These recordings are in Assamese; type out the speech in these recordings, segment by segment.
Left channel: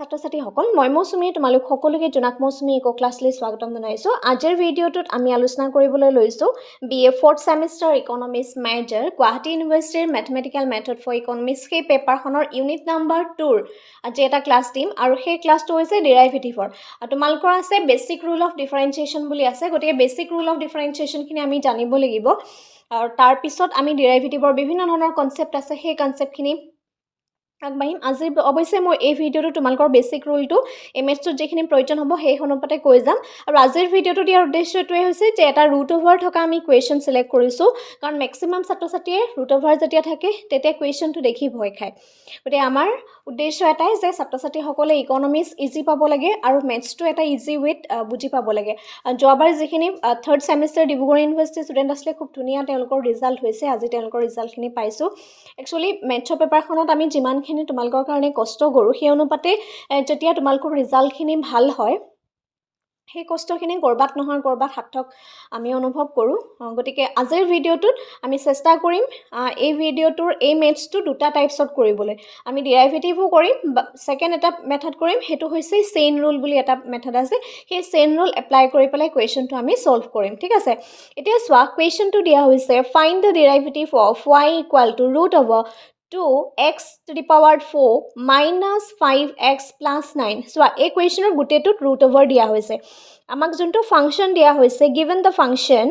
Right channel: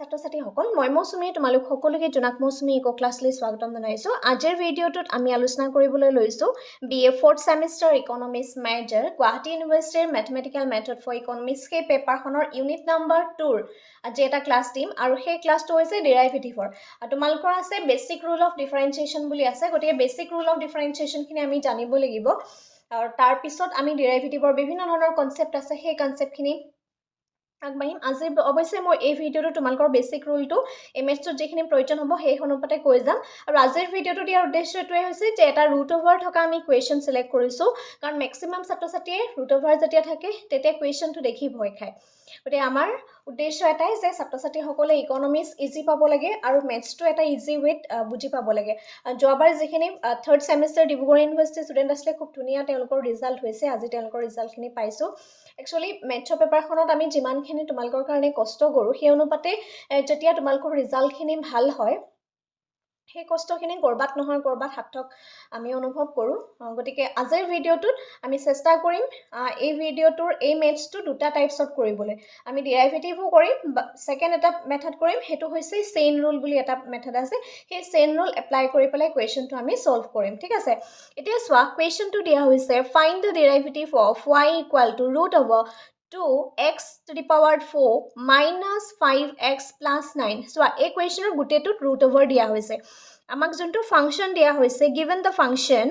ছাত্ৰ-ছাত্ৰীসকল মই মৌচুমী তোমালোক সকলোকে জোনাক মৌচুমী ইকো ক্লাছলৈ স্বাগতম জনাইছোঁ। আজিৰ ভিডিঅ'টোত আমি আলোচনা কৰিবলৈ লৈছোঁ BA 4th semester economics major Guwahati ইউনিভাৰ্চিটিৰ মেথমেটিকেল মেথড ফৰ ইকনমিক্স সেই পেপাৰখনৰ ইউনিট নাম্বাৰ 2ৰ আজি এটা ক্লাছ দিম আৰু সেই ক্লাছটো হৈছে ডেৰাইভেটিভৰ। তোমালোকৰ আছে বেছিক ৰুল অফ ডিফাৰেঞ্চিয়েশ্যন বুলি আছে, গতিকে বেছিক ৰুল অফ ডিফাৰেঞ্চিয়েশ্যনখিনি আমি জানিব লাগিব আৰু তাৰপিছত আমি ডেৰাইভেটিভৰ বিভিন্ন ধৰণৰ কনচেপ্ট আছে সেই কনচেপ্টখিনি আগবাঢ়িম। আজি অৱশ্যে মই এই ভিডিঅ'টো তোমালোকৰ বেছিক ৰুলটো মেথছটোত যিখিনি প্ৰয়োজন হ'ব সেই অনুপাতে কৈ যাম আৰু আজিৰ ভিডিঅ'টো দিয়াৰ উদ্দেশ্যটোৱে হৈছে যে এটা ৰুট অভাৰ থকা আমি কুৱেশ্যন চিলেক্ট কৰিছোঁ, কাৰণ মেক্সিমাম ছাত্ৰ-ছাত্ৰীয়ে ৰুট অভাৰ যেতিয়া থাকে তেতিয়া কুৱেশ্যনটো দেখি ভয় খায়। গতিকে আমাৰ উদ্দেশ্য এটাই যে ছাত্ৰ-ছাত্ৰীসকলে ইকনমিক্স ইজি পাব লাগে আৰু মেথছটো এটা ইজি ৱেত বুজি পাব লাগে। যোৱাবাৰ যিখিনি 3rd চেমিষ্টাৰ ডিব্ৰুগড় ইউনিভাৰ্চিটিৰ ষ্টুডেণ্ট আছিলে খুব ধুনীয়া তেওঁলোকৰ ৰিজাল্ট হৈছে, আজি তেওঁলোকৰ ৰিজাল্টখিনি পাইছোঁ। একচুৱেলি মেথছৰ পেপাৰখনত আমি যিমানখিনি তোমালোকৰ কাৰণে কষ্ট কৰোঁ সেই অনুপাতে যেতিয়া তোমালোকৰ ৰিজাল্টখিনি ভাল হয় সেই কষ্টখিনি ক'ৰবাত নহয় ক'ৰবাত সাৰ্থক আমি অনুভৱ কৰোঁ। গতিকে আজিৰ ভিডিঅ'টোত আমি চেষ্টা কৰিম এই ভিডিঅ'টোৰ এই মেথছটো দুটা টাইপছত কৰিবলৈ। আমি ডেৰাইভেটিভো কৰিম, ছেকেণ্ড এটা মেথড কৰিম, সেইটো হৈছে চেইন ৰুল বুলি এটা মেথড আছে, সেই চেইন ৰুল এপ্লাই কৰি পেলাই কুৱেশ্যনটো আমি ছল্ভ কৰিম। ঠিক আছে, এতিয়া চোৱা কুৱেশ্যনটো দিয়া হৈছে find the derivative of y equal to root over 2x to the power 4 minus 5x plus 9. চোৱা এই কুৱেশ্যনৰ গোটেইটোত ৰুট অভাৰ দিয়া হৈছে। আমাক যোনটো ফাংচন দিয়া হৈছে given the function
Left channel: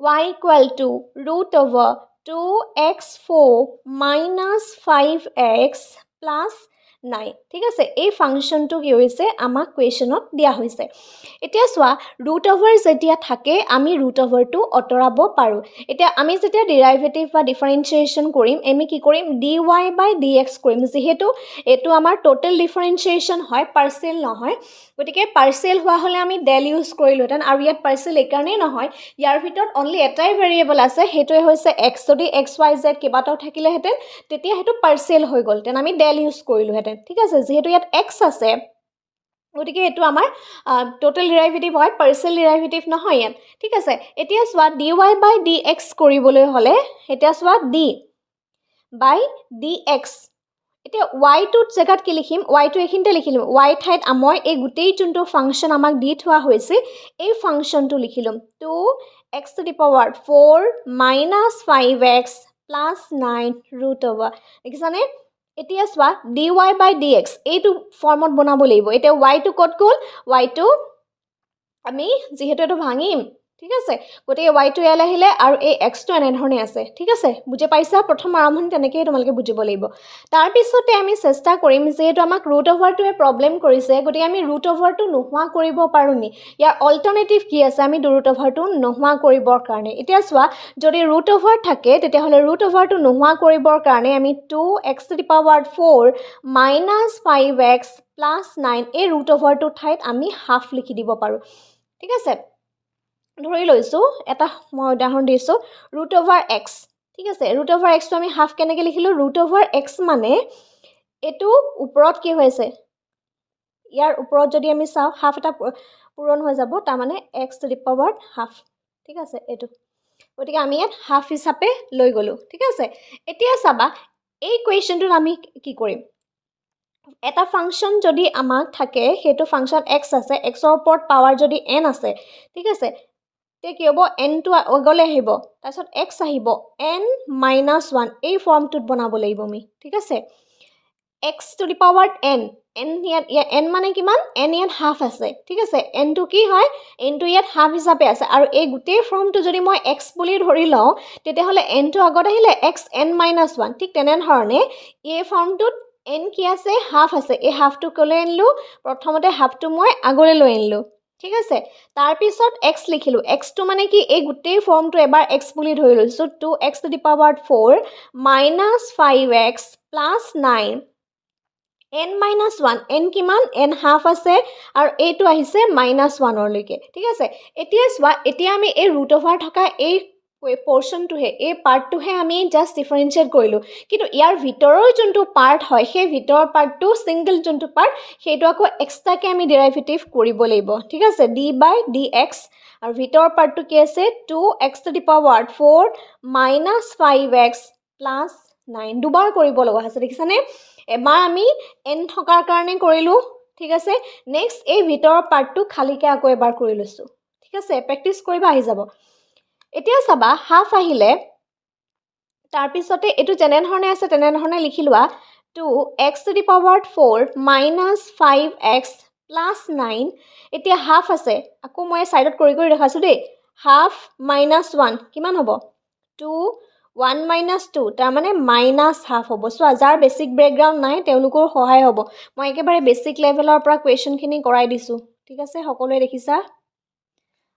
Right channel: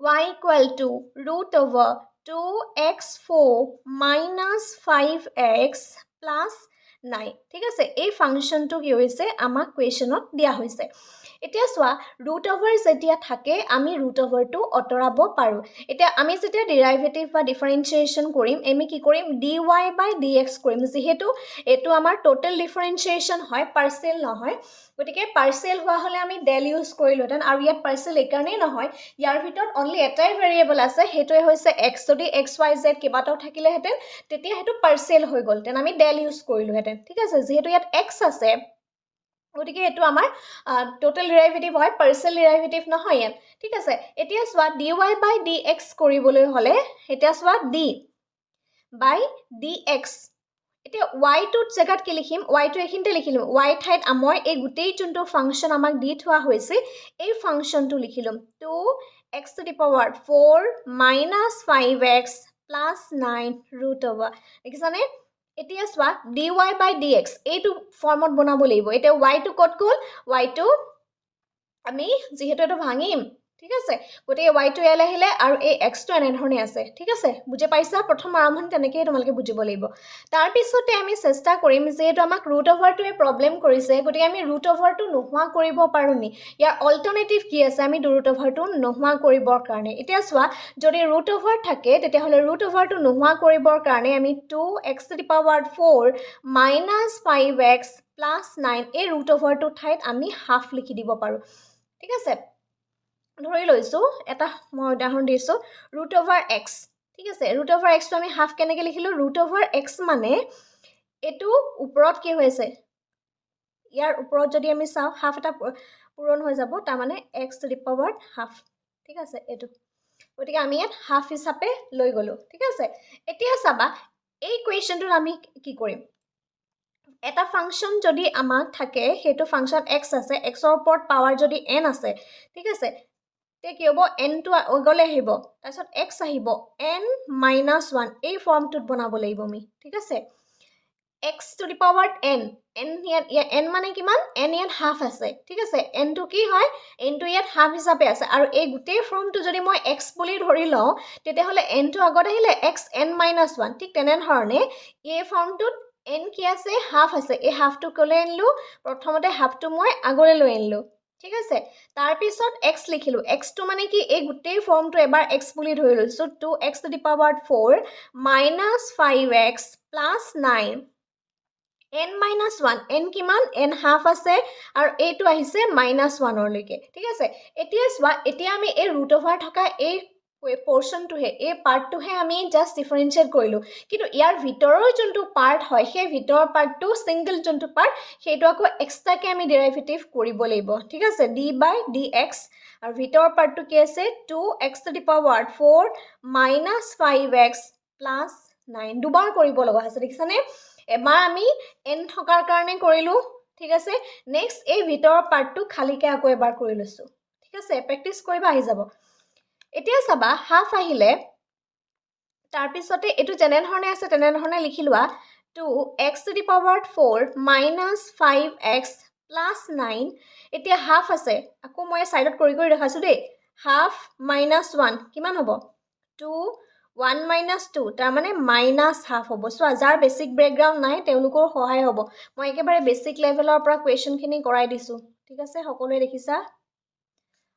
y equal to root over 2x4 minus 5x plus 9. ঠিক আছে, এই ফাংচনটো কি হৈছে আমাক কুৱেশ্যনত দিয়া হৈছে। এতিয়া চোৱা ৰুট অভাৰ যেতিয়া থাকে আমি ৰুট অভাৰটো আঁতৰাব পাৰোঁ। এতিয়া আমি যেতিয়া ডেৰাইভেটিভ বা ডিফাৰেঞ্চিয়েশ্যন কৰিম আমি কি কৰিম dy/dx কৰিম, যিহেতু এইটো আমাৰ টোটেল ডিফাৰেঞ্চিয়েশ্যন হয়, পাৰ্চিয়েল নহয়। গতিকে পাৰ্চিয়েল হোৱা হ'লে আমি ডেল ইউজ কৰিলোহেঁতেন আৰু ইয়াত পাৰ্চিয়েল এইকাৰণেই নহয়, ইয়াৰ ভিতৰত অনলি এটাই ভেৰিয়েবল আছে, সেইটোৱে হৈছে x। যদি XYZ কেইবাটাও থাকিলেহেঁতেন তেতিয়া সেইটো পাৰ্চিয়েল হৈ গ'লহেঁতেন, আমি ডেল ইউজ কৰিলোহেঁতেন। ঠিক আছে, যিহেতু ইয়াত x আছে গতিকে এইটো আমাৰ টোটেল ডেৰাইভেটিভ হয়, পাৰ্চিয়েল ডেৰাইভেটিভ নহয় ইয়াত। ঠিক আছে, এতিয়া চোৱা dy/dx কৰিবলৈ হ'লে এতিয়া চোৱা d/dx, এতিয়া y-টোত জেগাত কি লিখিম, y-টো এইখিনিতে লিখিলোঁ, y ঠাইত মই এই গোটেই যোনটো ফাংচন আমাক দি থোৱা হৈছে এই ফাংচনটো লিখিলোঁ 2x to the power 4 minus 5x plus 9 root over. দেখিছানে? এতিয়া চোৱা dy/dx এইটো ফৰ্মত বনাব লাগিব। এতিয়া y-টো ক'ত গ'ল, y-টো আমি যিহেতু এইটো ভাঙিম, ঠিক আছে, গতিকে y-টো ইয়ালৈ আহিলে আৰু এই x-টো এনেধৰণে আছে। ঠিক আছে, বুজি পাইছা? প্ৰথম আৰম্ভণি তেনেকৈয়ে তোমালোকে বুজিব লাগিব। তাৰপিছতে আমি চেষ্টা কৰিম যিহেতু আমাক ৰুট অভাৰটোৱে প্ৰব্লেম কৰিছে গতিকে আমি ৰুট অভাৰটো নোহোৱা কৰিব পাৰোঁ নি, ইয়াৰ অল্টাৰনেটিভ কি আছে আমি ৰুট অভাৰটো নোহোৱা কৰিবৰ কাৰণে। এতিয়া চোৱা যদি ৰুট অভাৰ থাকে তেতিয়াহ'লে ৰুট অভাৰটো নোহোৱা কৰিবৰ কাৰণে আমি 2x to the power 4 minus 5x plus 9 এই ৰুট অভাৰটোৰ ঠাইত আমি হাফ লিখি দিব পাৰোঁ। ঠিক আছে, ধৰি লৈছোঁ এটা মই উদাহৰণ দিছোঁ ৰুট অভাৰ x। ঠিক আছে, ৰুট অভাৰ এক্সটো আমি হাফ কেনেকৈ লিখিলোঁ, ৰুট অভাৰ এক্স মানে এইটো ওপৰত কি হৈছে, ইয়াৰ ওপৰত যদি আমি চাওঁ হাফ এটা পূৰণ হৈ যাব, তাৰমানে x to the power half. ঠিক আছে, এইটো গতিকে আমি ইয়াত হাফ হিচাপে লৈ গ'লোঁ। ঠিক আছে, এতিয়া চাবা এই কুৱেশ্যনটোত আমি কি কৰিম, এটা ফাংচন যদি আমাক থাকে সেইটো ফাংচন x আছে, xৰ ওপৰত পাৱাৰ যদি n আছে, ঠিক আছে, তেতিয়া কি হ'ব nটো আগলৈ আহিব, তাৰপিছত x আহিব n-1 এই ফৰ্মটোত বনাব লাগিব আমি। ঠিক আছে, x to the power n ইয়াত n মানে কিমান, n ইয়াত হাফ আছে। ঠিক আছে, nটো কি হয়, nটো ইয়াত হাফ হিচাপে আছে আৰু এই গোটেই ফৰ্মটো যদি মই x বুলি ধৰি লওঁ তেতিয়াহ'লে nটো আগত আহিলে x n-1। ঠিক তেনেধৰণে এই ফৰ্মটোত n কি আছে, হাফ আছে, এই হাফটো ক'লৈ আনিলোঁ, প্ৰথমতে হাফটো মই আগলৈ লৈ আনিলোঁ। ঠিক আছে, তাৰপিছত x লিখিলোঁ, xটো মানে কি এই গোটেই ফৰ্মটো এবাৰ x বুলি ধৰি লৈছোঁ 2x to the power 4 minus 5x plus 9 n-1, n কিমান, n হাফ আছে আৰু এইটো আহিছে -1লৈকে। ঠিক আছে, এতিয়া চোৱা এতিয়া আমি এই ৰুট অভাৰ থকা এই পৰ্চনটোহে এই পাৰ্টটোহে আমি জাষ্ট ডিফাৰেঞ্চিয়েট কৰিলোঁ, কিন্তু ইয়াৰ ভিতৰৰ যোনটো পাৰ্ট হয় সেই ভিতৰৰ পাৰ্টটো ছিংগল যোনটো পাৰ্ট সেইটো আকৌ এক্সট্ৰাকৈ আমি ডেৰাইভেটিভ কৰিব লাগিব। ঠিক আছে, d/dx আৰু ভিতৰৰ পাৰ্টটো কি আছে 2x to the power 4 minus 5x plus 9 দুবাৰ কৰিব লগা হৈছে। দেখিছানে, এবাৰ আমি n থকাৰ কাৰণে কৰিলোঁ ঠিক আছে নেক্সট এই ভিতৰৰ পাৰ্টটো খালিকৈ আকৌ এবাৰ কৰি লৈছোঁ ঠিক আছে প্ৰেক্টিছ কৰিবা আহি যাব এতিয়া চাবা হাফ আহিলে তাৰপিছতে এইটো যেনেধৰণে আছে তেনেধৰণে লিখি লোৱা 2x to the power 4 minus 5x plus 9 এতিয়া হাফ আছে আকৌ মই সাইডত কৰি দেখাইছো দেই হাফ minus 1 কিমান হ'ব 2 1 minus 2 তাৰ মানে minus half হ'ব সো যাৰ বেসিক ব্যাকগ্ৰাউণ্ড নাই তেওঁলোকৰ সহায় হ'ব মই একেবাৰে বেসিক লেভেলৰ পৰা কোৱেশ্চনখিনি কৰাই দিছো ঠিক আছে সকলোৱে দেখিছা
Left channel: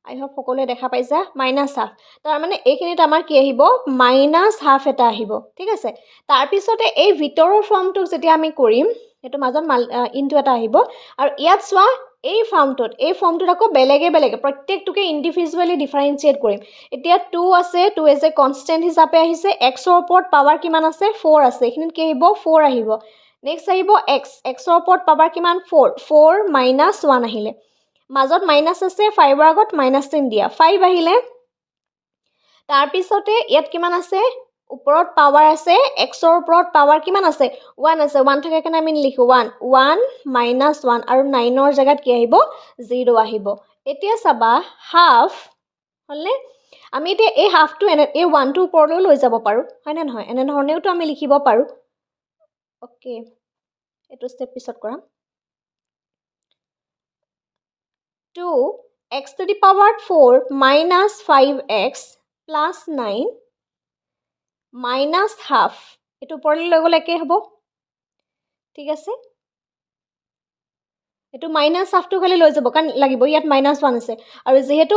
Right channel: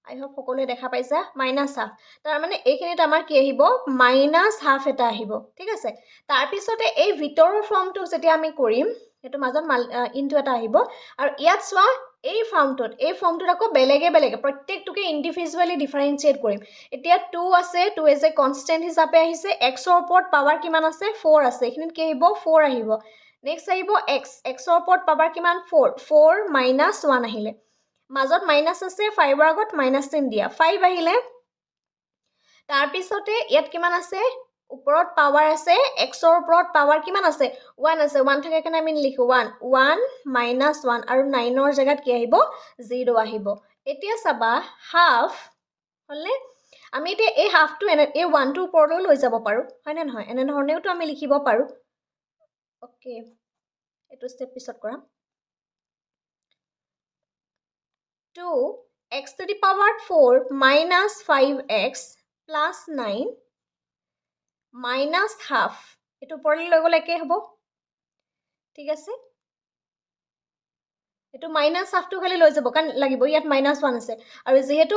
I hope সকলোৱে দেখা পাইছা minus half তাৰ মানে এইখিনিত আমাৰ কি আহিব minus half এটা আহিব ঠিক আছে তাৰ পিছতে এই ভিতৰৰ ফৰ্মটো যেতিয়া আমি কৰিম এটো মাজত ইনটু এটা আহিব আৰু ইয়াত সোৱা এই ফৰ্মটোত আকৌ বেলেগে প্ৰত্যেকটোকে ইন্ডিভিজুৱেলি ডিফাৰেন্সিয়েট কৰিম এতিয়া 2 আছে 2 এজ এ কনস্ট্যান্ট হিচাপে আহিছে x ৰ ওপৰত পাৱাৰ কিমান আছে 4 আছে এখিনিত কি আহিব 4 আহিব নেক্সট আহিব x ৰ ওপৰত পাৱাৰ কিমান 4 4 - 1 আহিলে মাজত মাইনাস আছে 5 ৰ আগত মাইনাস চিন দিয়া 5 আহিলে তাৰ পিছতে ইয়াত কিমান আছে ওপৰত পাৱাৰ আছে x ৰ ওপৰত পাৱাৰ কিমান আছে 1 আছে 1 থাকে কেনে আমি লিখো 1 1 - 1 আৰু 9 ৰ জায়গাত কি আহিব 0 আহিব এতিয়া চাবা হাফ হলনে আমি এতিয়া এই হাফটো এই 1 টো ওপৰলৈ লৈ যাব পাৰো হয়নে নহয় এনে ধৰণেওটো আমি লিখিব পাৰো ওকে এটো স্টেপ পিছত কৰাম 2x to the power 4 minus 5x plus 9 minus half এটো পৰলৈ লৈ গলে কি হ'ব ঠিক আছে এটো minus half টো খালি লৈ যাব কাৰণ লাগিব ইয়াত -1 আছে আৰু যেহেতু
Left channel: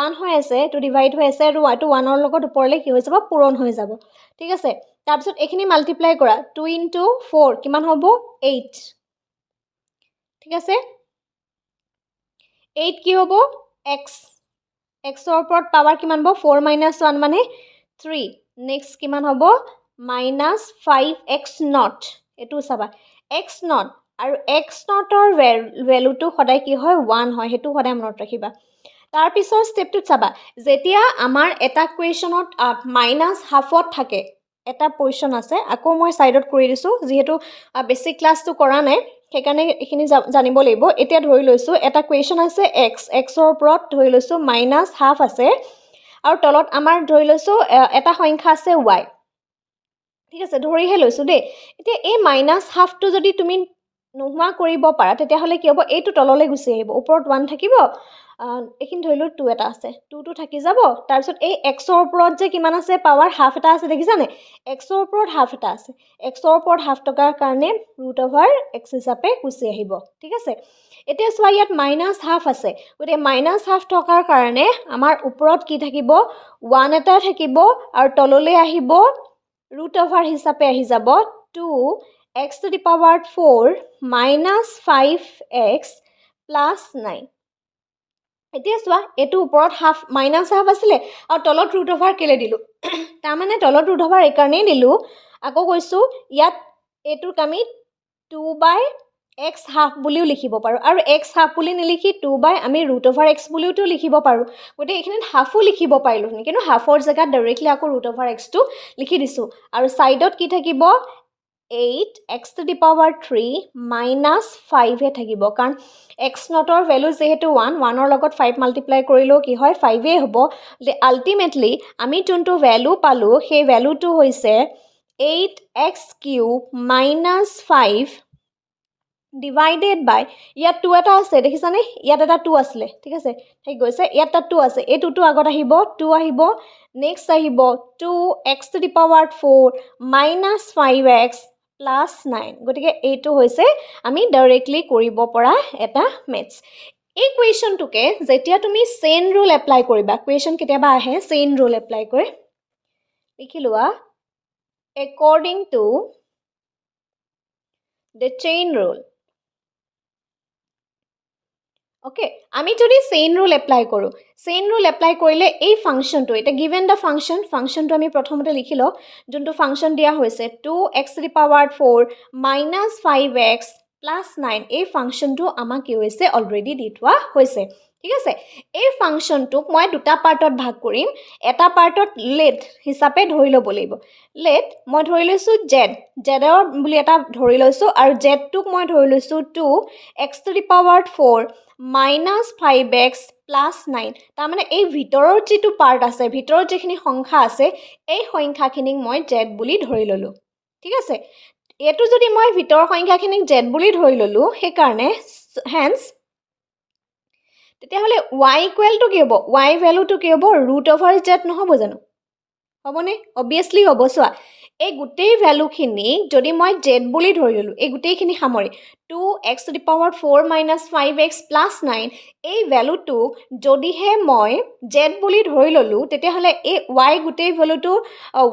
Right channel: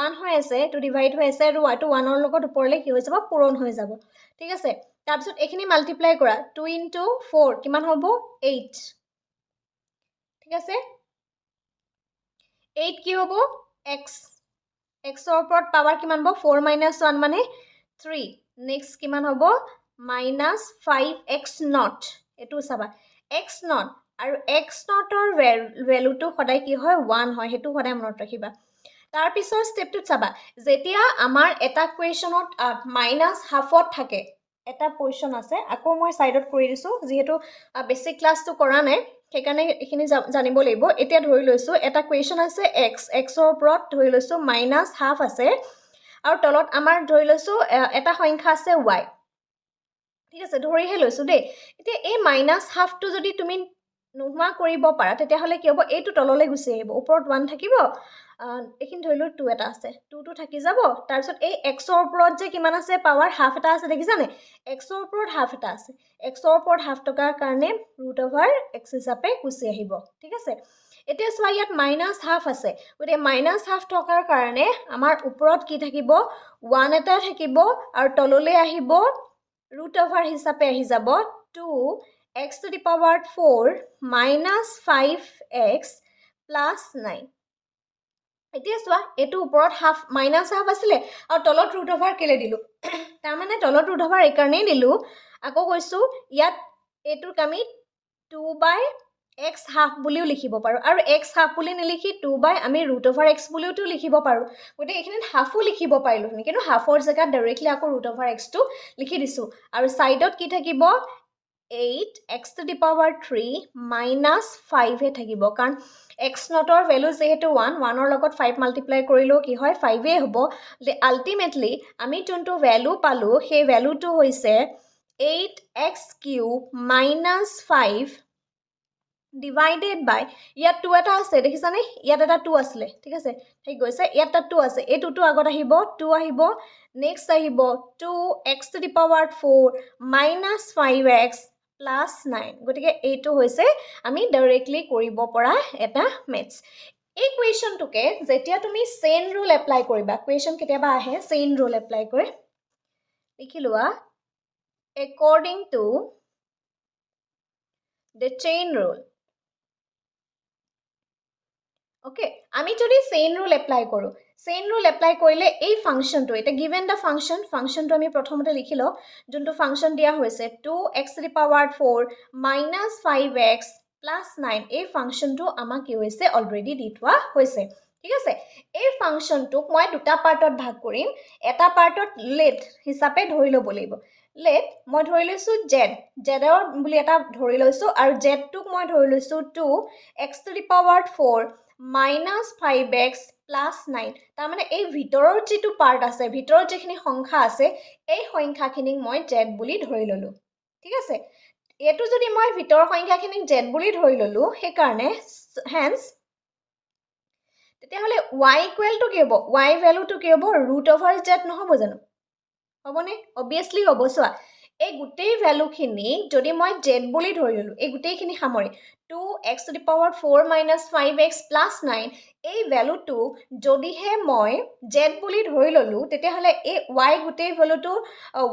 1 হৈ আছে এটো ডিভাইড হৈ আছে আৰু y টো 1 ৰ লগত ওপৰলৈ কি হৈ যাব পূৰণ হৈ যাব ঠিক আছে তাৰ পিছত এখিনি মাল্টিপ্লাই কৰা 2 * 4 কিমান হ'ব 8 ঠিক আছে 8 কি হ'ব x ৰ ওপৰত পাৱাৰ কিমান হ'ব 4 - 1 মানে 3 নেক্সট কিমান হ'ব -5x0 এটো চাবা x0 আৰু x0 ৰ ভ্যালুটো সদায় কি হয় 1 হয় হেতু সদায় মনত ৰাখিবা তাৰ পিছৰ স্টেপটো চাবা যেতিয়া আমাৰ এটা কোৱেশ্চনত -হাফত থাকে এটা পজিশন আছে আকৌ মই সাইডত কৰি দিছো যেহেতু বেসিক ক্লাসটো কৰা নাই সেইকাৰণে এখিনি জানিব লাগিব এতিয়া ধৰি লৈছো এটা কোৱেশ্চন আছে x ৰ ওপৰত ধৰি লৈছো -হাফ আছে আৰু তলত আমাৰ ধৰি লৈছো এটা সংখ্যা আছে y ঠিক আছে ধৰিহে লৈছো দেই এতিয়া এই -হাফটো যদি তুমি নোহোৱা কৰিব পাৰা তেতিয়া হলে কি হ'ব এইটো তললৈ গুচি আহিব ওপৰত 1 থাকিব এখিনি ধৰিলো 2 এটা আছে 2 টো থাকি যাব তাৰ পিছত এই x ৰ ওপৰত যে কিমান আছে পাৱাৰ হাফ এটা আছে দেখিছানে x ৰ ওপৰত হাফ এটা আছে x ৰ ওপৰত হাফ টকাৰ কাৰণে √x হিচাপে গুচি আহিব ঠিক আছে এতিয়া সোৱা ইয়াত -হাফ আছে গতে -হাফ টকাৰ কাৰণে আমাৰ ওপৰত কি থাকিব 1 এটা থাকিব আৰু তললৈ আহিব √, হিচাপে আহি যাব 2x to the power 4 minus 5x plus 9 এতিয়া চোৱা এটো ওপৰত হাফ -হাফ আছিলে আৰু তলত √, কেলে দিলো তাৰ মানে তলত √, এই কাৰণেই দিলো আকৌ কৈছো ইয়াত এটোক আমি 2/x হাফ বুলিও লিখিব পাৰো আৰু x হাফ বুলি নিলিখি 2/ আমি √x বুলিওটো লিখিব পাৰো গতে এখিনিত হাফও লিখিব পাৰিলো কিন্তু হাফৰ জায়গাত ডাইৰেক্টলি আকৌ √x টো লিখি দিছো আৰু সাইডত কি থাকিব 8x to the power 3 minus 5 হে থাকিব কাৰণ x0 ৰ ভ্যালু যেহেতু 1 ৰ লগত 5 মাল্টিপ্লাই কৰিলেও কি হয় 5 এ হ'ব আলটিমেটলি আমি যোনটো ভ্যালু পালো সেই ভ্যালুটো হৈছে 8x³ minus 5 divided by ইয়াত 2 এটা আছে দেখিছানে ইয়াত এটা 2 আছিল ঠিক আছে ঠিক গৈছে ইয়াত এটা 2 আছে এই 2 টো আগত আহিব 2 আহিব নেক্সট আহিব 2x to the power 4 minus 5x plus 9 গটিকে এইটো হৈছে আমি ডাইৰেক্টলি কৰিব পৰা এটা মেথছ এই কোৱেশ্চনটোকে যেতিয়া তুমি চেইন ৰুল এপ্লাই কৰিবা কোৱেশ্চন কেতিয়াবা আহে চেইন ৰুল এপ্লাই কৰে লিখি লোৱা according to the chain rule okay আমি যদি চেইন ৰুল এপ্লাই কৰো চেইন ৰুল এপ্লাই কৰিলে এই ফাংশনটো এটা গিভেন দা ফাংশনটো আমি প্ৰথমতে লিখি লও যোনটো ফাংশন দিয়া হৈছে 2x to the power 4 minus 5x plus 9 এই ফাংশনটো আমাক কি হৈছে অলৰেডি দি থোৱা হৈছে ঠিক আছে এই ফাংচনটোক মই দুটা পাৰ্টত ভাগ কৰিম এটা পাৰ্টত লেট হিচাপে ধৰি ল'ব লাগিব লেট মই ধৰি লৈছো জেডৰ বুলি এটা ধৰি লৈছো আৰু জেডটোক মই ধৰি লৈছো 2x to the power 4 minus 5x plus 9 তাৰমানে এই ভিতৰৰ যিটো পাৰ্ট আছে ভিতৰৰ যিখিনি সংখ্যা আছে এই সংখ্যাখিনিক মই জেড বুলি ধৰি ল'লো ঠিক আছে এটো যদি মই ভিতৰৰ সংখ্যাখিনিক জেড বুলি ধৰি ল'লো সেইকাৰণে হেন্স তেতিয়াহ'লে y ইকুৱেল টু কি হ'ব y ভ্যালুটো কি হ'ব √z নহ'ব জানো হ'বনে অবভিয়াছলি হ'ব চোৱা এই গোটেই ভ্যালুখিনি যদি মই z বুলি ধৰি ল'লো এই গোটেইখিনি সামৰি 2x to the power 4 minus 5x plus 9 এই ভ্যালুটো যদিহে মই z বুলি ধৰি ল'লো তেতিয়াহ'লে এই y গোটেই ভ্যালুটো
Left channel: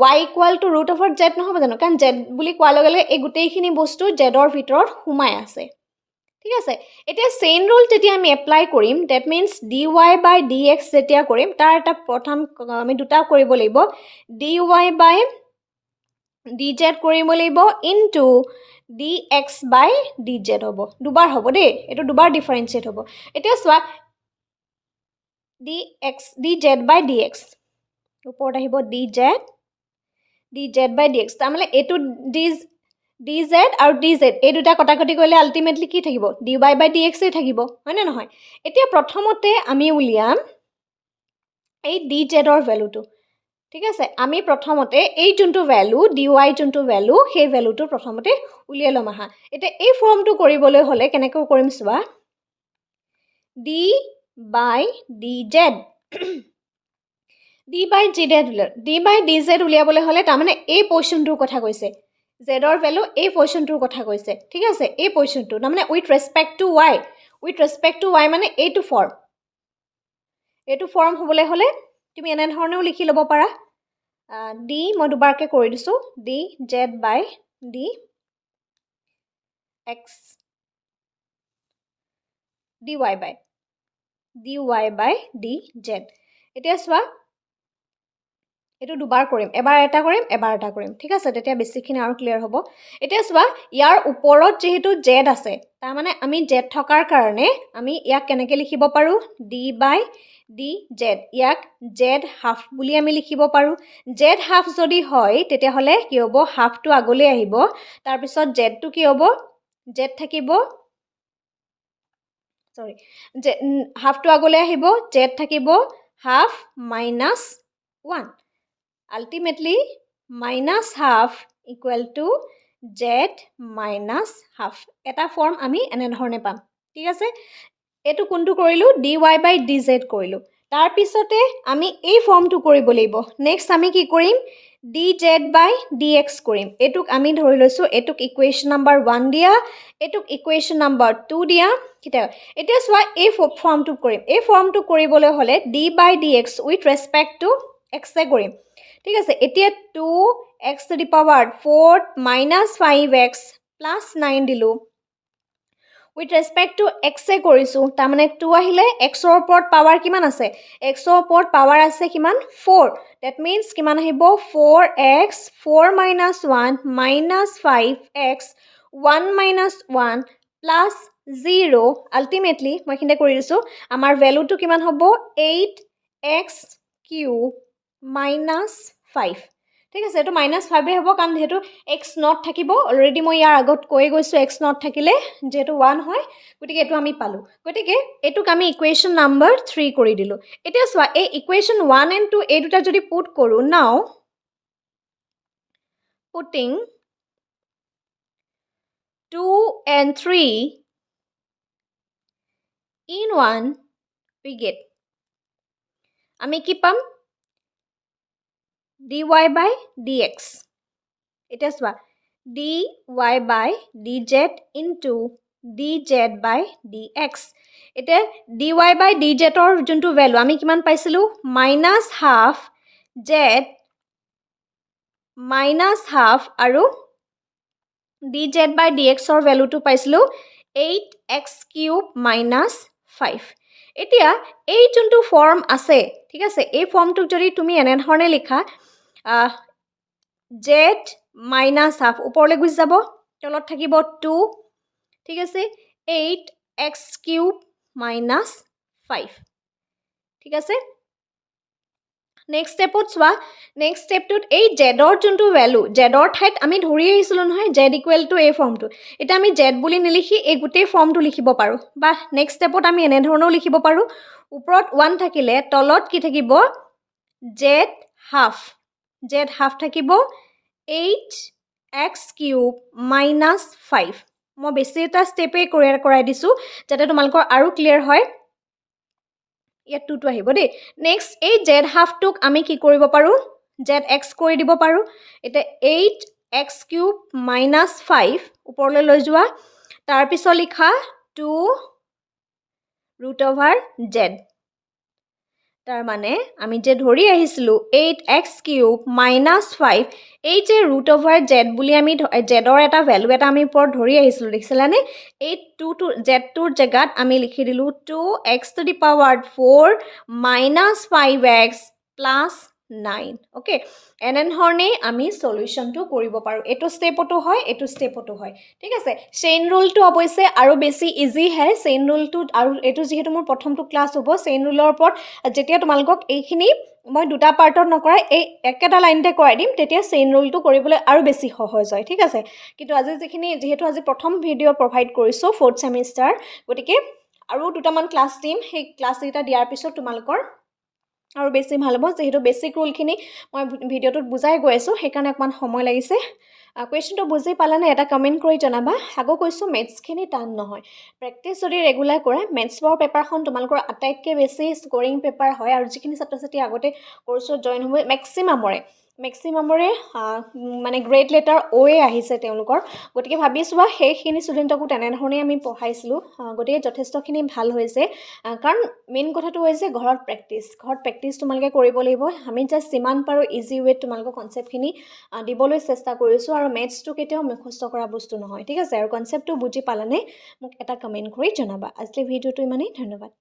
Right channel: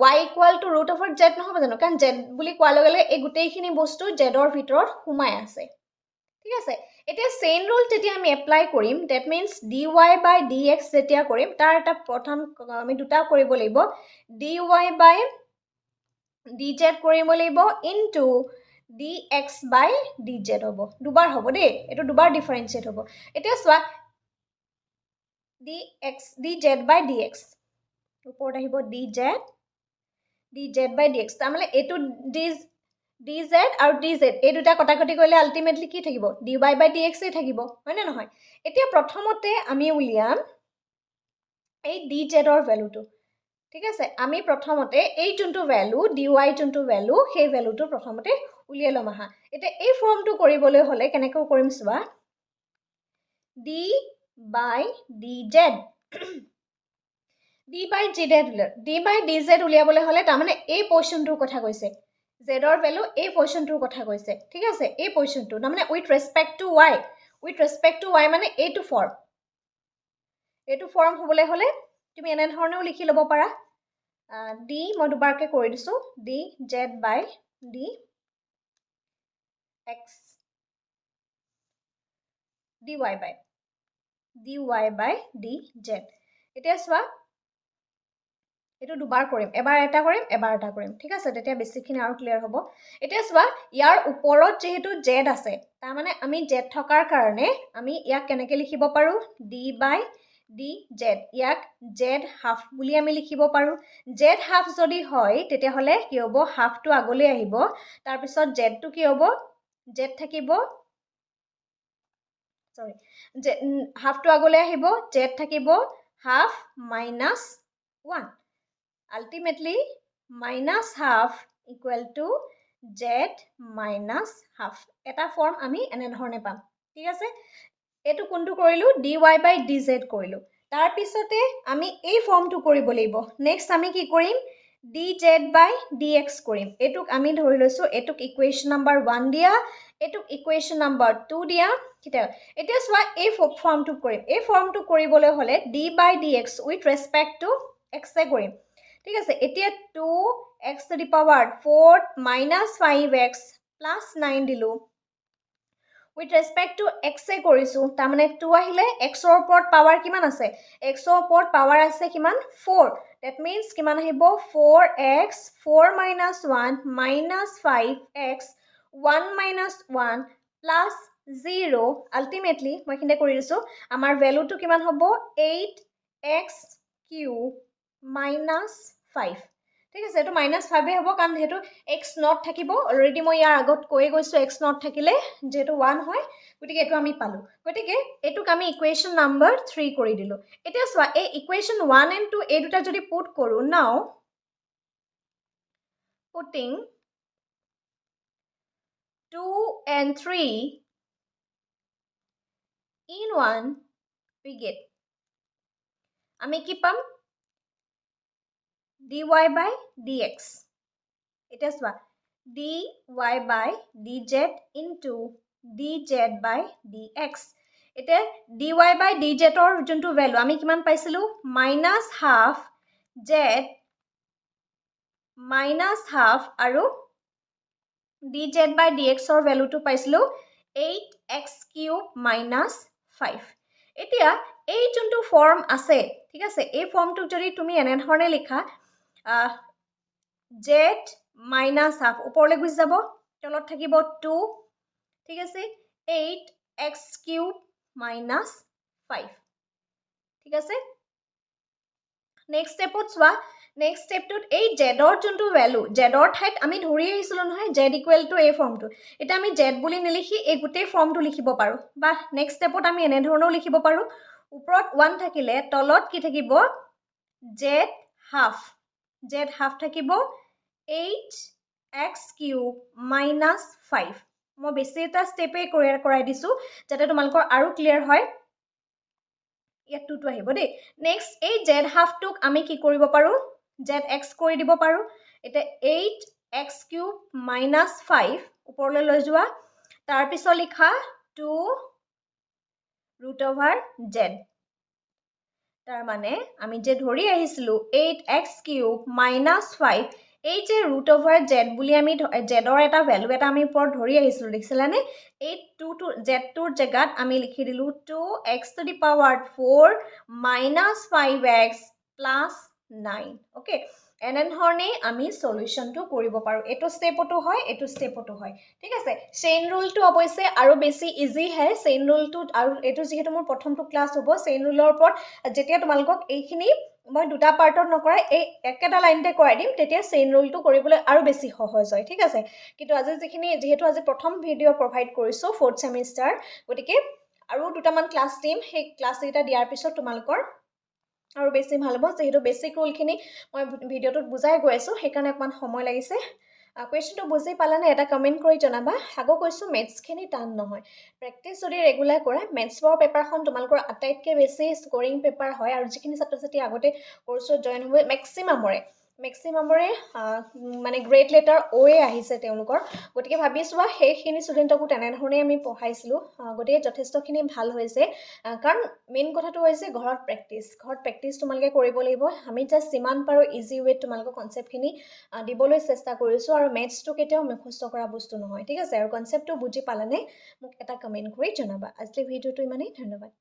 y ইকুৱেল টু √z নহ'ব জানো কাৰণ z বুলি কোৱাৰ লগে লগে এই গোটেইখিনি বস্তু z ৰ ভিতৰত সোমাই আছে ঠিক আছে এতিয়া চেইন ৰুল যেতিয়া আমি এপ্লাই কৰিম that means dy by dx যেতিয়া কৰিম তাৰ এটা প্ৰথম আমি দুটা কৰিব লাগিব dy by dz কৰিব লাগিব ইনটু dx by dz হ'ব দুবাৰ হ'ব দেই এটো দুবাৰ ডিফাৰেন্সিয়েট হ'ব এতিয়া চোৱা dz by dx ওপৰত আহিব dz by dx তাৰমানে এটো dz আৰু dz এই দুটা কটাকটি কৰিলে আলটিমেটলি কি থাকিব dy by dx এ থাকিব হয় না নহয় এতিয়া প্ৰথমতে আমি উলিয়াম এই dz ৰ ভ্যালুটো ঠিক আছে আমি প্ৰথমতে এই যোনটো ভ্যালু dy যোনটো ভ্যালু সেই ভ্যালুটো প্ৰথমতে উলিয়াই লম আহা এতিয়া এই ফৰ্মটো কৰিবলৈ হলে কেনেকৈ কৰিম চোৱা d by dz d by dz উলিয়াবলৈ হলে তাৰমানে এই পজিশনটোৰ কথা কৈছে z ৰ ভ্যালু এই পজিশনটোৰ কথা কৈছে ঠিক আছে এই পজিশনটো তাৰমানে উইথ ৰেসপেক্ট টু y মানে এইটো ফৰ্ম হ'বলৈ হলে তুমি এনে ধৰণেও লিখি ল'ব পাৰা d মই দুবাৰকে কৰি দিছো dz by dx dy by dz এতিয়া চোৱা এটো দুবাৰ কৰিম এবাৰ এটা কৰিম ঠিক আছে তেতিয়া বেছিখিনি আৰু ক্লিয়াৰ হ'ব এতিয়া চোৱা ইয়াৰ ওপৰত যেহেতু z আছে তাৰ মানে আমি z থকাৰ কাৰণে আমি ইয়াক কেনেকৈ লিখিব পাৰো d by dz ইয়াক z হাফ বুলি আমি লিখিব পাৰো z হাফ যদি হয় তেতিয়াহলে কি হ'ব হাফটো আগলৈ আহিব তাৰ পিছত z টো কি হ'ব z থাকিব সৰি হাফটো আগলৈ আহিব z থাকিব half minus 1 ultimately minus half equal to z minus half এটা ফৰ্ম আমি এনে ধৰণে পাম ঠিক আছে এটো কোনটো কৰিলো dy by dz কৰিলো তাৰ পিছতে আমি এই ফৰ্মটো কৰিব লাগিব নেক্সট আমি কি কৰিম dz by dx কৰিম এটুক আমি ধৰি লৈছো এটুক ইকুৱেশ্যন নাম্বাৰ 1 দিয়া এটুক ইকুৱেশ্যন নাম্বাৰ 2 দিয়া কিটা এতিয়া চোৱা এই ফৰ্মটো কৰিম এই ফৰ্মটো কৰিবলৈ হলে d by dx with respect to x এ কৰিম ঠিক আছে এতিয়া 2x to the power 4 minus 5x plus 9 দিলো with respect to x এ কৰিছো তাৰ মানে 2 আহিলে x ৰ ওপৰত পাৱাৰ কিমান আছে x ৰ ওপৰত পাৱাৰ আছে কিমান 4 that means কিমান আহিব 4x 4 minus 1 minus 5x 1 minus 1 plus 0 ultimately মই কিনে কৰি দিছো আমাৰ ভ্যালুটো কিমান হ'ব 8x cube minus 5 ঠিক আছে এটো -5 এ হ'ব কাৰণ যেহেতু x not থাকিব অলৰেডি মই ইয়াৰ আগত কৈ গৈছো x not থাকিলে যেহেতু 1 হয় গতিকে এটো আমি পালো গতিকে এটুক আমি ইকুৱেশ্যন নাম্বাৰ 3 কৰি দিলো এতিয়া চোৱা এই ইকুৱেশ্যন 1 and 2 এই দুটা যদি পুট কৰো নাও putting 2 and 3 in 1 we get আমি কি পাম dy by dx এটা চোৱা dy by dz into dz by dx এটা dy by dz ৰ যোনটো ভ্যালু আমি কিমান পাইছিলো -half z -half আৰু dz by dx ৰ ভ্যালুটো পাইছিলো 8x cube minus 5 এতিয়া এই যোনটো ফৰ্ম আছে ঠিক আছে এই ফৰ্মটোক যদি তুমি এনে ধৰণে লিখা z minus half ওপৰলৈ গুছি যাব তলত থাকিব 2 ঠিক আছে 8x cube minus 5 ঠিক আছে নেক্সট ষ্টেপত চোৱা নেক্সট ষ্টেপটোত এই জেডৰ যোনটো ভেলু জেডৰ ঠাইত আমি ধৰি আহিছিলোঁ নহয় জেড ইকুৱেল টু এই ফৰ্মটো এতিয়া আমি জেড বুলি নিলিখি এই গোটেই ফৰ্মটো লিখিব পাৰোঁ বা নেক্সট ষ্টেপত আমি এনেধৰণেও লিখিব পাৰোঁ ওপৰত 1 থাকিলে তলত কি থাকিব জেড হাফ থাকিব 8x³ মাইনাছ 5 মই বেছি এটা ষ্টেপেই কৰাই দিছোঁ যাতে তোমালোকৰ আৰু ক্লিয়াৰ হয় ইয়াত 2 আহিব দেই নেক্সট এই জেড হাফটোক আমি কি কৰিব পাৰোঁ জেড এক্স কৰি দিব পাৰোঁ এতিয়া 8x³ মাইনাছ 5 ওপৰলৈ লৈ যোৱা তাৰপিছত লিখা 2√z তাৰ মানে আমি যে ধৰি আহিছিলোঁ 8x³ মাইনাছ 5 এই যে √z বুলি আমি জেডৰ এটা ভেলু এটা আমি ওপৰত ধৰি আহিছিলোঁ দেখিছিলানে এই জেডটোৰ জেগাত আমি লিখি দিলোঁ 2x⁴ minus 5x plus 9 okay এনেধৰণেই আমি সলিউশ্যনটো কৰিব পাৰোঁ এইটো ষ্টেপতো হয় এইটো ষ্টেপতো হয় ঠিক আছে চেইন ৰুলটো অৱশ্যে আৰু বেছি ইজি হয় চেইন ৰুলটো আৰু এইটো যিহেতু মোৰ প্ৰথমটো ক্লাছ হ'ব চেইন ৰুলৰ ওপৰত যেতিয়া তোমালোকক এইখিনি মই দুটা পাৰ্টত নকৰাই এই একেটা লাইনতে কৰাই দিম তেতিয়া চেইন ৰুলটো কৰিবলৈ আৰু বেছি সহজ হয় ঠিক আছে কিন্তু আজি যিহেতু আজি প্ৰথম ভিডিঅ' প্ৰভাইড কৰিছোঁ 4th ছেমিষ্টাৰ গতিকে আৰু দুটামান ক্লাছ দিম সেই ক্লাছকেইটা দিয়াৰ পিছত তোমালোকৰ আৰু বেছি ভাল হ'ব যেহেতু বেছিক ৰুলখিনি মই ভিডিঅ'টোত বুজাই গৈ আছোঁ সেইকাৰণে অকণমান সময় লাগিছে কুৱেশ্যনটো বুজি পালানে এটা কমেণ্ট কৰি জনাবা আকৌ কৈছোঁ মেথছখিনি টান নহয় প্ৰেক্টিছ যদি ৰেগুলাৰ কৰা মেথছৰ পেপাৰখন তোমালোকৰ আটাইতকৈ বেছি স্ক'ৰিং পেপাৰ হয় আৰু যিখিনি ছাত্ৰ ছাত্ৰী আগতে কৰ্চত জইন হ'ব মেক্সিমামৰে মানে গ্ৰেড লেটাৰ অ'য়ে আহিছে তেওঁলোকৰ গতিকে ভাবিছোঁ সেইখিনি ষ্টুডেণ্টকো তেনেধৰণেই আমি পঢ়াইছিলোঁ গতিকে যথেষ্টখিনি ভাল হৈছে কাৰণ মেইন কথাটো হৈছে ঘৰত প্ৰেক্টিছ তোমালোকে কৰিব লাগিব আমি জাষ্ট যিমান পাৰোঁ ইজি ৱেত তোমালোকৰ কনচেপ্টখিনি দিবলৈ চেষ্টা কৰিছোঁ আৰু মেথছটো কেতিয়াও মুখস্থ কৰা বস্তু নহয় ঠিক আছে আৰু কনচেপ্টটো বুজি পালানে মোক এটা কমেণ্ট কৰি জনাবা আজিলৈ ভিডিঅ'টো ইমানেই ধন্যবাদ